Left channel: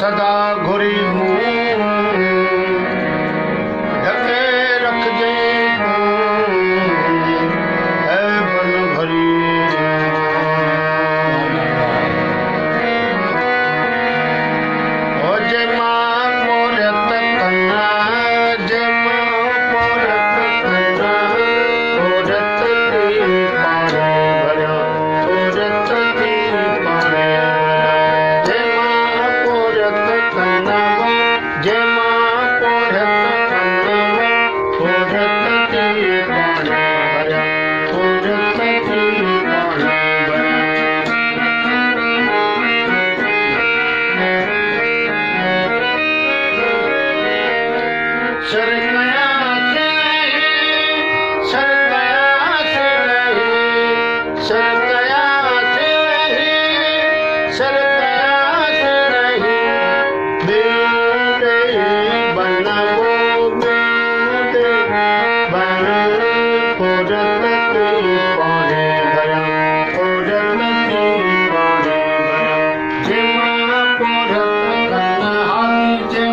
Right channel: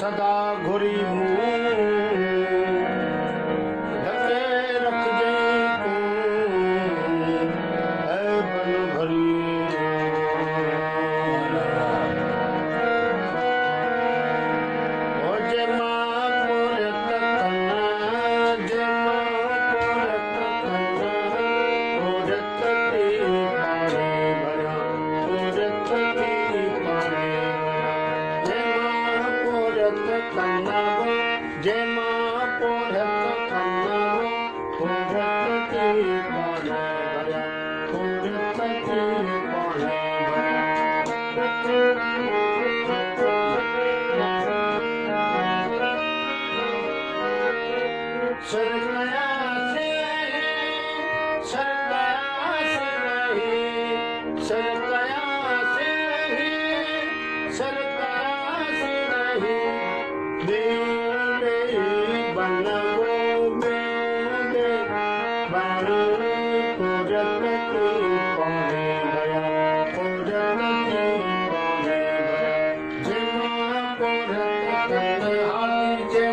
सदा घुरी मुँह ढके रख जई तू है बन भरी ओ जय मां मोरत कन्ना जय मां मोरत कन्ना मोरत की पारे भरा मोरत की पारे भरा जय मां मोरत कन्ना जय मां मोरत कन्ना मोरत की पारे भरा मोरत की पारे भरा सर गया से नहीं सर गया से नहीं सर गया से नहीं सर गया से नहीं बेटे बनवो बेटे बन औरत की पाने भरा औरत की पाने भरा जय मां औरत कन्ना हाथी जय